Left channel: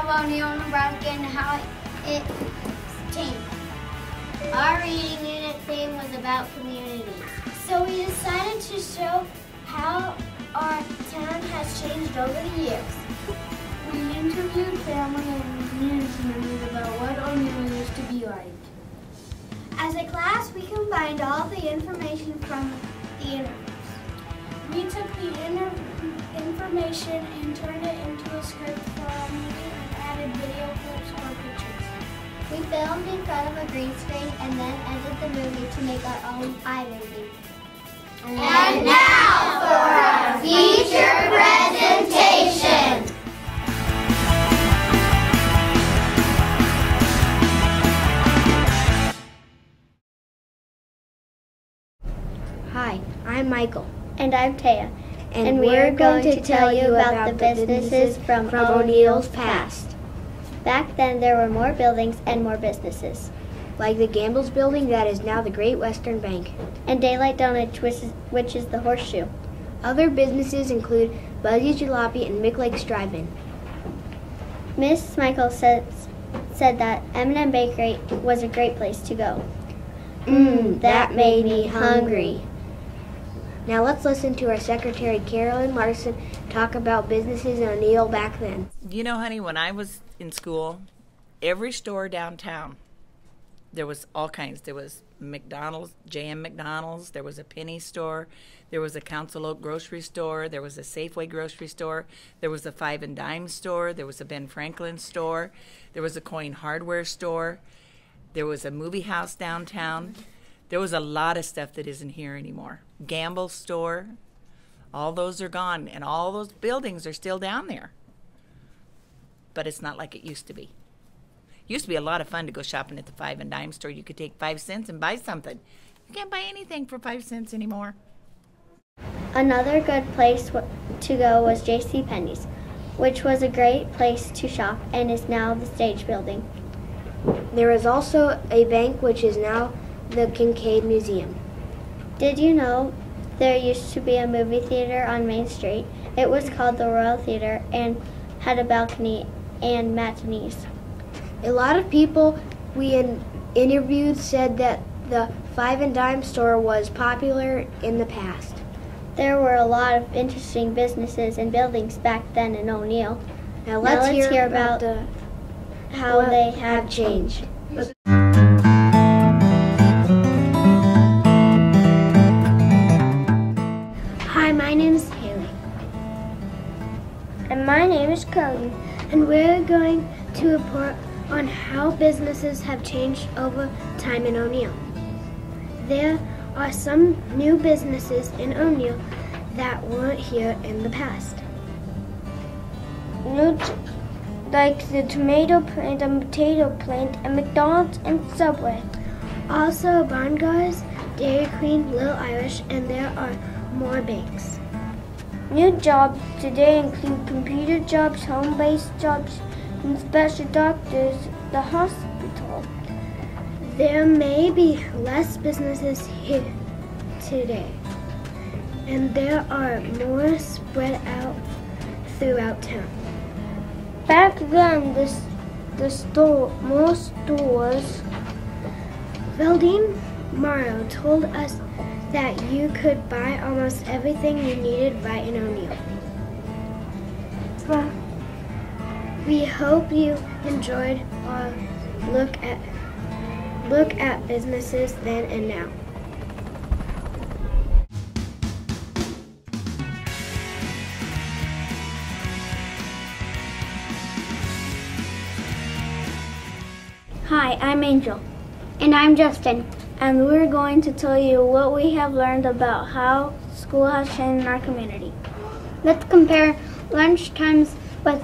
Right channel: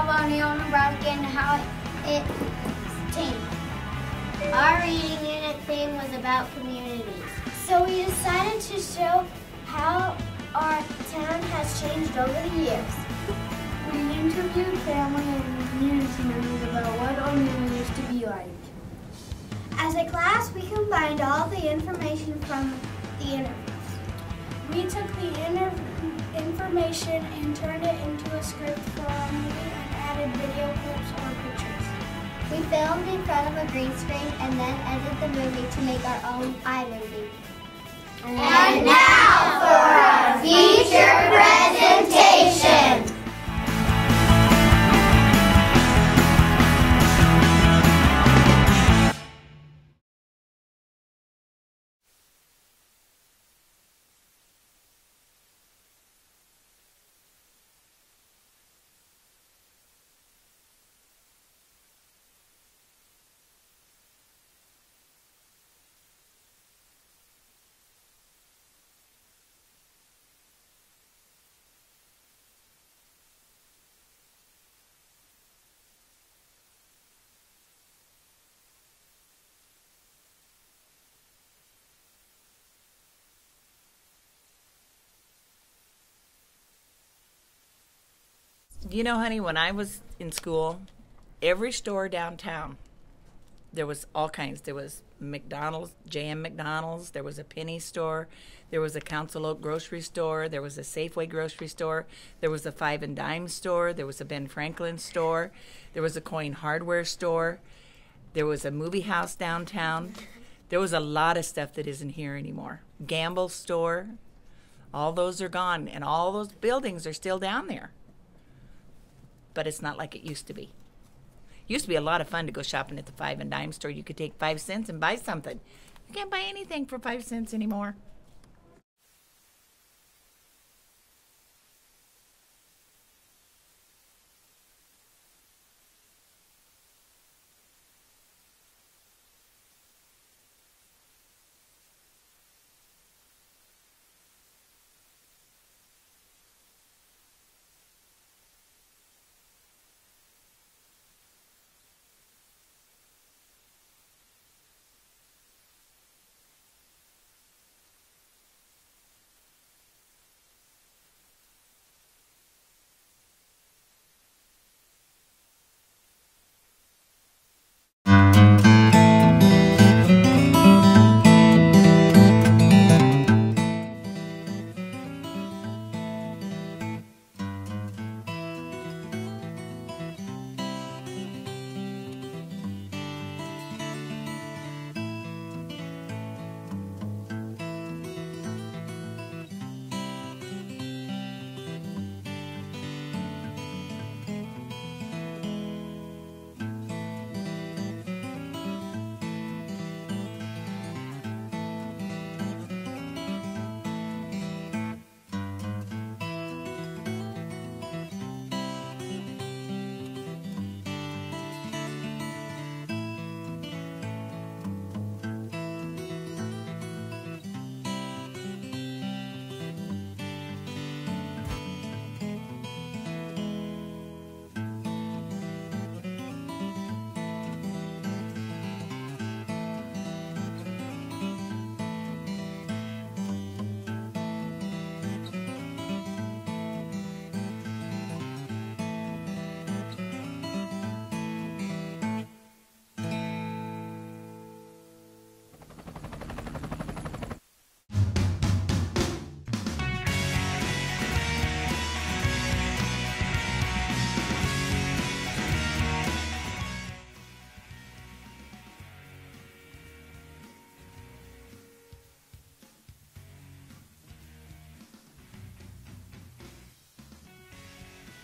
of O'Neill, Nebraska and how it changed. Our reading unit theme was about communities. So we decided to show how our town has changed over the years. We interviewed family and community members about what O'Neill used to be like. As a class, we combined all the information from the interviews. We took the information and turned it into a script for our movie and added video clips or pictures. We filmed in front of a green screen and then edited the movie to make our own iMovie. And now for our feature presentation. Hi, I'm Michael. And I'm Taya. And we're going to tell you about the businesses from O'Neill's past. Back then, there were more buildings and more businesses. Like the Gamble's building that is now the Great Western Bank. And Daylight Donuts, which is the Horseshoe. Other businesses include Buzzy's Jalopy and McLake's Drive-In. Miss Michael said that M&M Bakery was a great place to go. That made me hungry. Now let's listen to our secretary, Carolyn Larson, talk about businesses in O'Neill back then. You know, honey, when I was in school, every store downtown, there was all kinds. There was McDonald's, J.M. McDonald's, there was a penny store, there was a Council Oak grocery store, there was a Safeway grocery store, there was a Five and Dime store, there was a Ben Franklin store, there was a Coin Hardware store, there was a movie house downtown. There was a lot of stuff that isn't here anymore. Gamble's store, all those are gone, and all those buildings are still down there. But it's not like it used to be. It used to be a lot of fun to go shopping at the Five and Dime store. You could take 5 cents and buy something. You can't buy anything for 5 cents anymore. Another good place to go was JCPenney's, which was a great place to shop and is now the Stage Building. There is also a bank which is now the Kincaid Museum. Did you know there used to be a movie theater on Main Street? It was called the Royal Theater and had a balcony and matinees. A lot of people we interviewed said that the Five and Dime store was popular in the past. There were a lot of interesting businesses and buildings back then in O'Neill. Now let's hear about how they have changed. Hi, my name is Haley. And my name is Carly. And we're going to report on how businesses have changed over time in O'Neill. There are some new businesses in O'Neill that weren't here in the past. Like the tomato plant and potato plant and McDonald's and Subway. Also Barngars, Dairy Queen, Little Irish, and there are more banks. New jobs today include computer jobs, home-based jobs, and special doctors, the hospital. There may be less businesses here today, and there are more spread out throughout town. Back then, most stores. Welding Morrow told us that you could buy almost everything you needed right in O'Neill. Well, we hope you enjoyed our look at businesses then and now. Hi, I'm Angel. And I'm Justin. And we're going to tell you what we have learned about how school has changed in our community. Let's compare lunch times with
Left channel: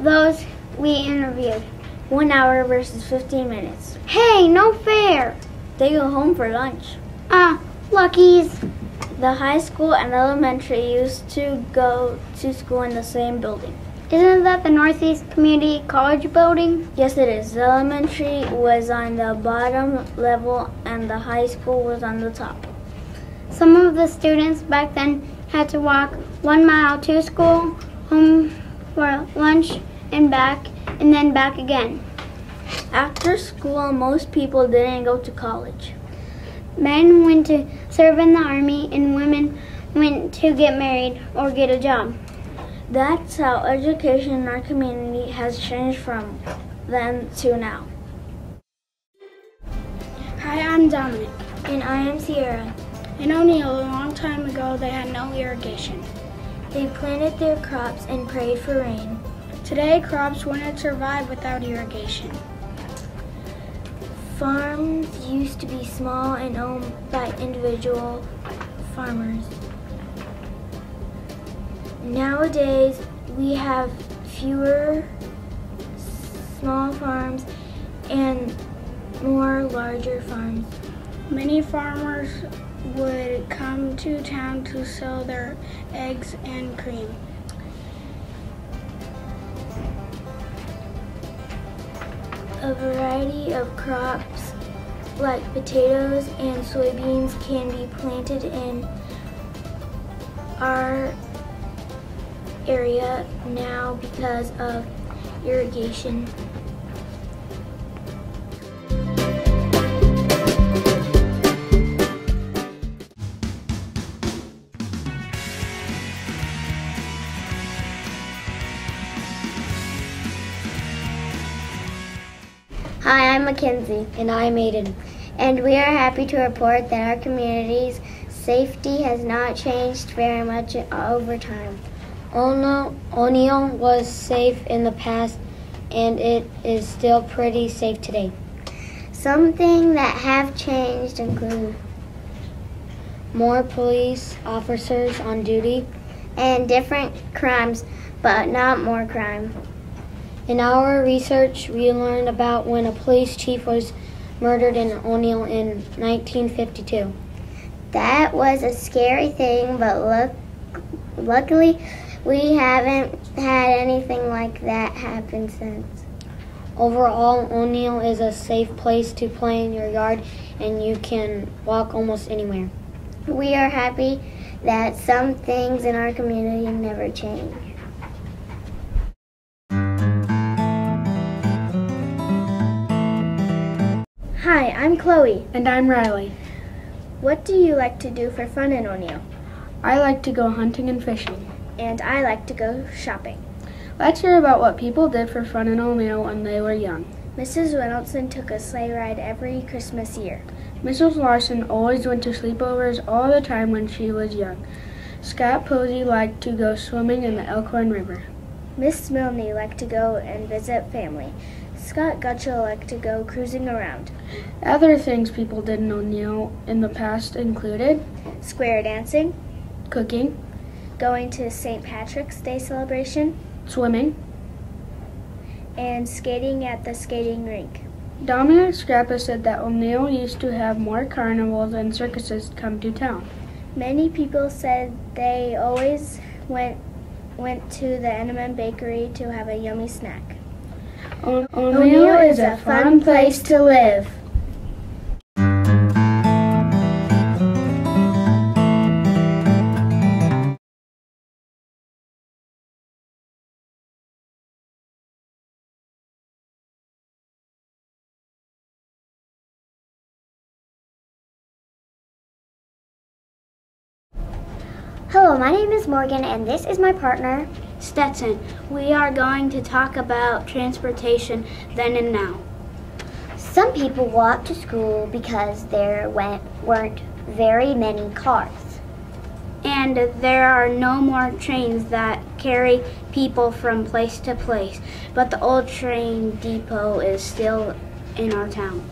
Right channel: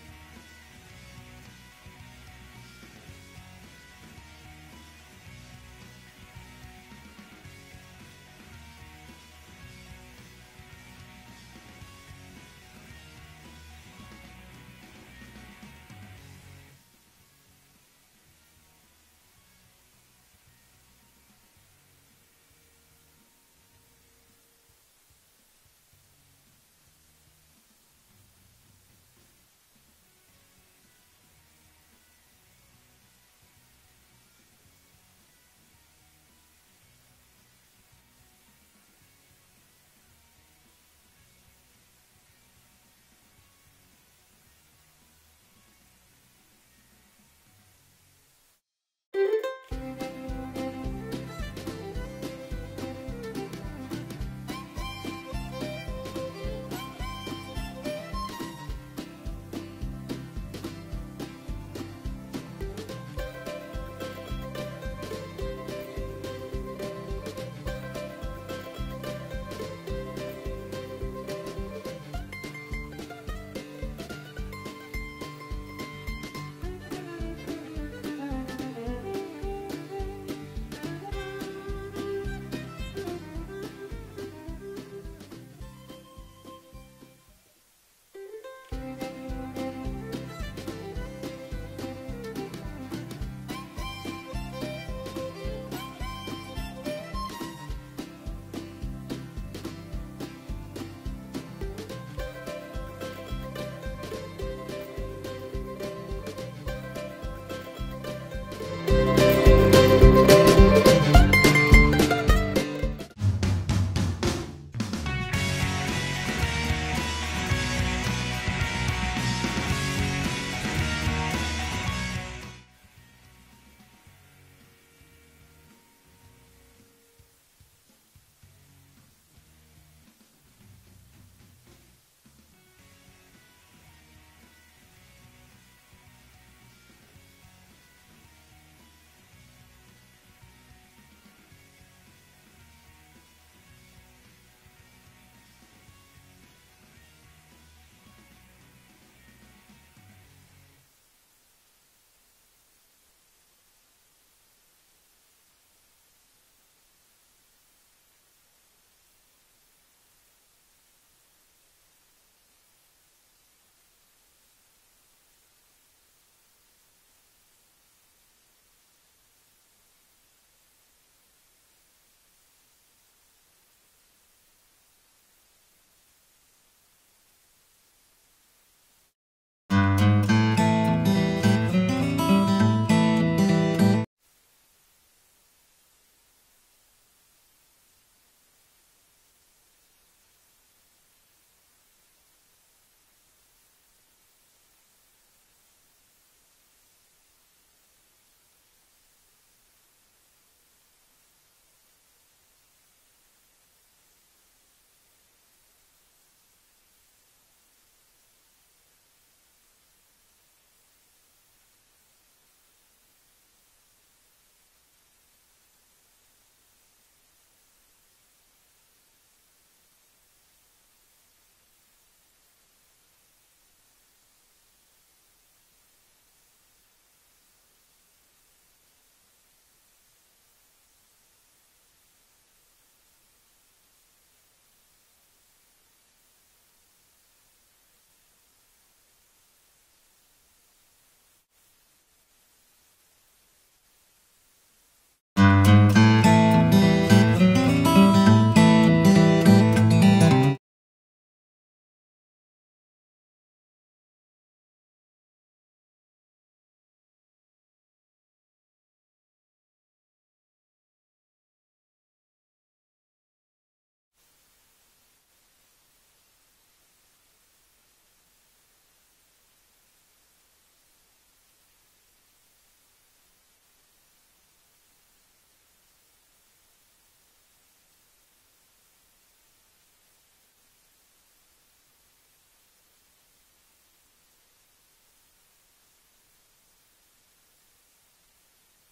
those we interviewed. 1 hour versus 15 minutes. Hey, no fair! They go home for lunch. Luckies. The high school and elementary used to go to school in the same building. Isn't that the Northeast Community College building? Yes, it is. The elementary was on the bottom level and the high school was on the top. Some of the students back then had to walk 1 mile to school, home for lunch, and back and then back again. After school, most people didn't go to college. Men went to serve in the army and women went to get married or get a job. That's how education in our community has changed from then to now. Hi, I'm Dominic. And I am Sierra. In O'Neill, a long time ago, they had no irrigation. They planted their crops and prayed for rain. Today, crops wouldn't survive without irrigation. Farms used to be small and owned by individual farmers. Nowadays, we have fewer small farms and more larger farms. Many farmers would come to town to sell their eggs and cream. A variety of crops like potatoes and soybeans can be planted in our area now because of irrigation. Hi, I'm Mackenzie. And I'm Aiden. And we are happy to report that our community's safety has not changed very much over time. O'Neill was safe in the past, and it is still pretty safe today. Some things that have changed include More police officers on duty. and different crimes, but not more crime. In our research, we learned about when a police chief was murdered in O'Neill in 1952. That was a scary thing, but luckily we haven't had anything like that happen since. Overall, O'Neill is a safe place to play in your yard, and you can walk almost anywhere. We are happy that some things in our community never change. Hi, I'm Chloe. And I'm Riley. What do you like to do for fun in O'Neill? I like to go hunting and fishing. And I like to go shopping. Let's hear about what people did for fun in O'Neill when they were young. Mrs. Reynoldsson took a sleigh ride every Christmas year. Mrs. Larson always went to sleepovers all the time when she was young. Scott Posey liked to go swimming in the Elkhorn River. Miss Milne liked to go and visit family. Scott Gutschel liked to go cruising around. Other things people did in O'Neill in the past included Square dancing, cooking, going to St. Patrick's Day celebration, swimming. and skating at the skating rink. Dominic Scrappa said that O'Neill used to have more carnivals and circuses come to town. Many people said they always went to the M&M bakery to have a yummy snack. O'Neill is a fun place to live. Hello, my name is Morgan, and this is my partner. Stetson, we are going to talk about transportation then and now. Some people walk to school because there weren't very many cars. And there are no more trains that carry people from place to place, but the old train depot is still in our town.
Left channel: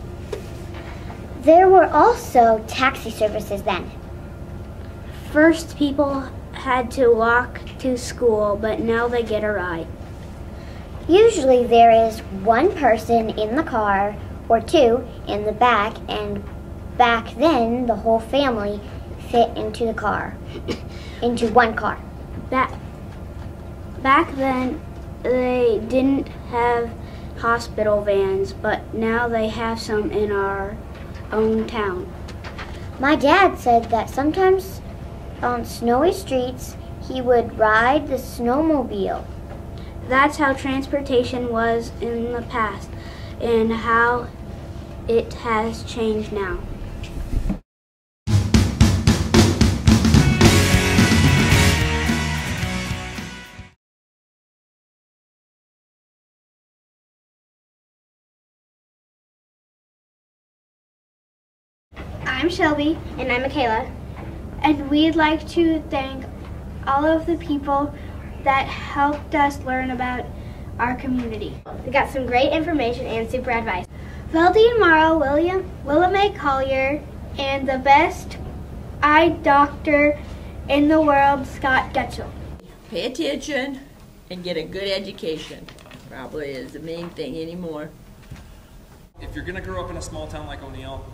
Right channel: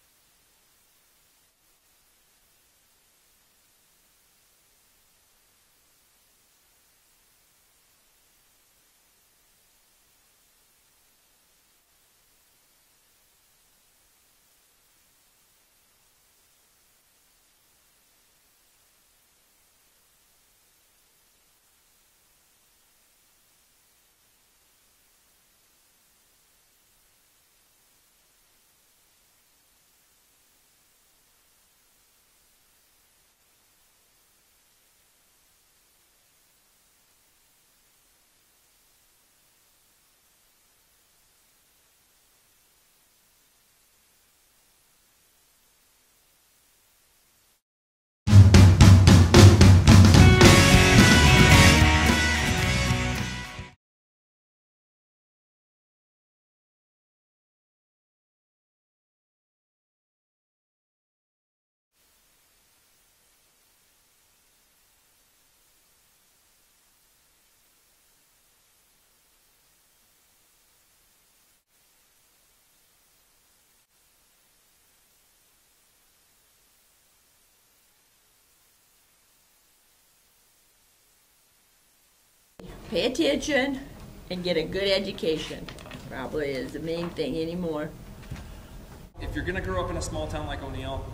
There were also taxi services then. First, people had to walk to school, but now they get a ride. Usually there is one person in the car or two in the back, and back then the whole family fit into the car, into one car. Back then, they didn't have hospital vans, but now they have some in our own town. My dad said that sometimes on snowy streets he would ride the snowmobile. That's how transportation was in the past and how it has changed now. I'm Shelby. And I'm Makayla. And we'd like to thank all of the people that helped us learn about our community. We got some great information and super advice. Veldine Morrow, Willa Mae Collier, and the best eye doctor in the world, Scott Getchell. Pay attention and get a good education. Probably is the main thing anymore. If you're going to grow up in a small town like O'Neill,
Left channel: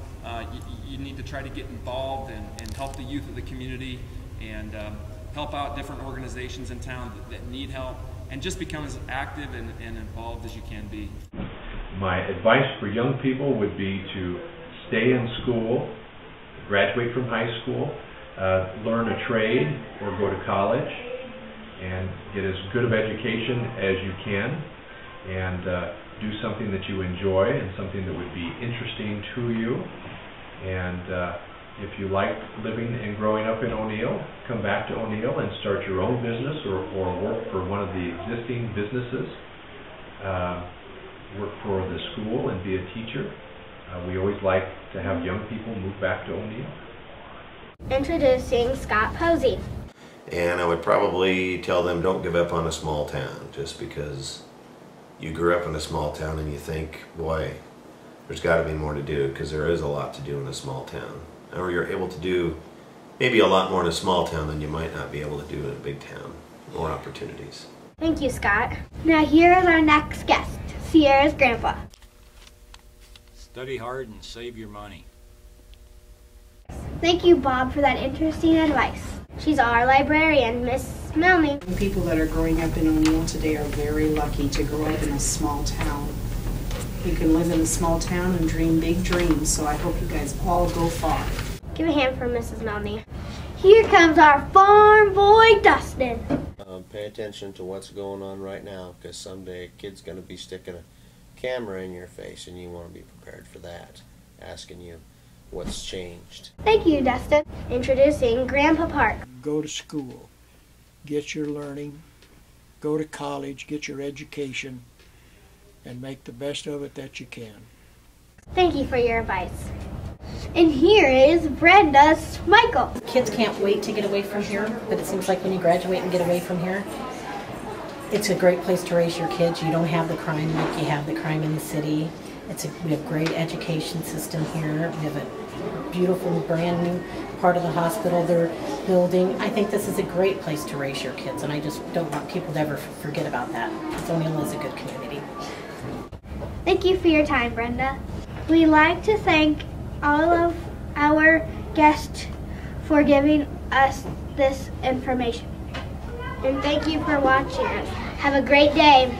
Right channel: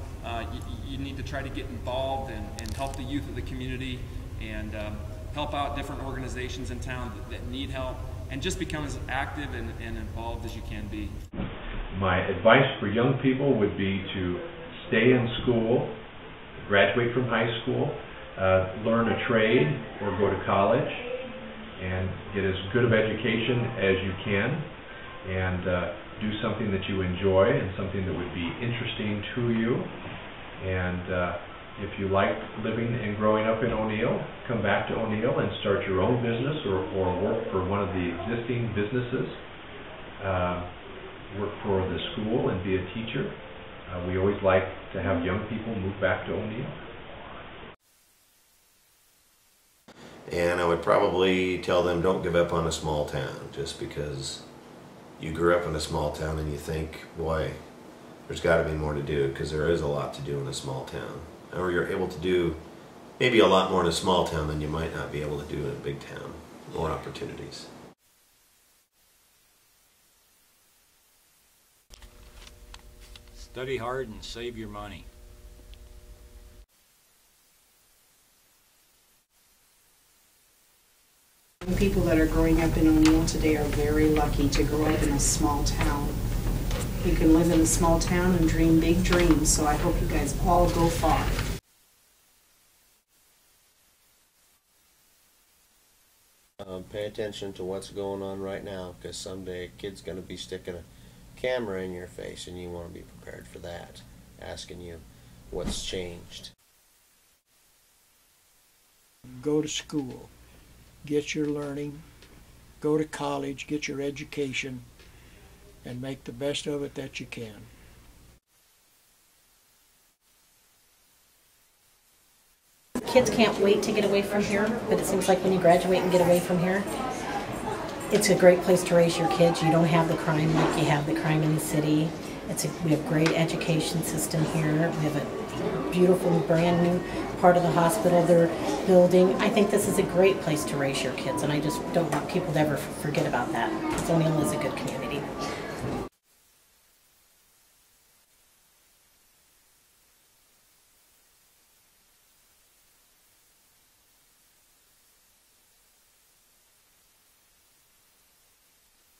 you need to try to get involved and help the youth of the community and help out different organizations in town that need help, and just become as active and involved as you can be. My advice for young people would be to stay in school, graduate from high school, learn a trade or go to college, and get as good of education as you can, and do something that you enjoy and something that would be interesting to you. And if you like living and growing up in O'Neill, come back to O'Neill and start your own business or work for one of the existing businesses. Work for the school and be a teacher. We always like to have young people move back to O'Neill. Introducing Scott Posey. And I would probably tell them, don't give up on a small town just because you grew up in a small town and you think, boy, there's got to be more to do, because there is a lot to do in a small town. Or you're able to do maybe a lot more in a small town than you might not be able to do in a big town. More opportunities. Thank you, Scott. Now here is our next guest, Sierra's grandpa. Study hard and save your money. Thank you, Bob, for that interesting advice. She's our librarian, Miss Melanie. People that are growing up in O'Neill today are very lucky to grow up in a small town. You can live in a small town and dream big dreams, so I hope you guys all go far. Give a hand for Mrs. Melanie. Here comes our farm boy, Dustin. Pay attention to what's going on right now, because someday a kid's going to be sticking a camera in your face, and you want to be prepared for that, asking you what's changed. Thank you, Dustin. Introducing Grandpa Park. Go to school, get your learning, go to college, get your education, and make the best of it that you can. Thank you for your advice. And here is Brenda Michael. Kids can't wait to get away from here, but it seems like when you graduate and get away from here, it's a great place to raise your kids. You don't have the crime like you have the crime in the city. We have great education system here. We have a beautiful brand new part of the hospital they're building. I think this is a great place to raise your kids, and I just don't want people to ever forget about that, because O'Neill is a good community. Thank you for your time, Brenda. We'd like to thank all of our guests for giving us this information. And thank you for watching us. Have a great day.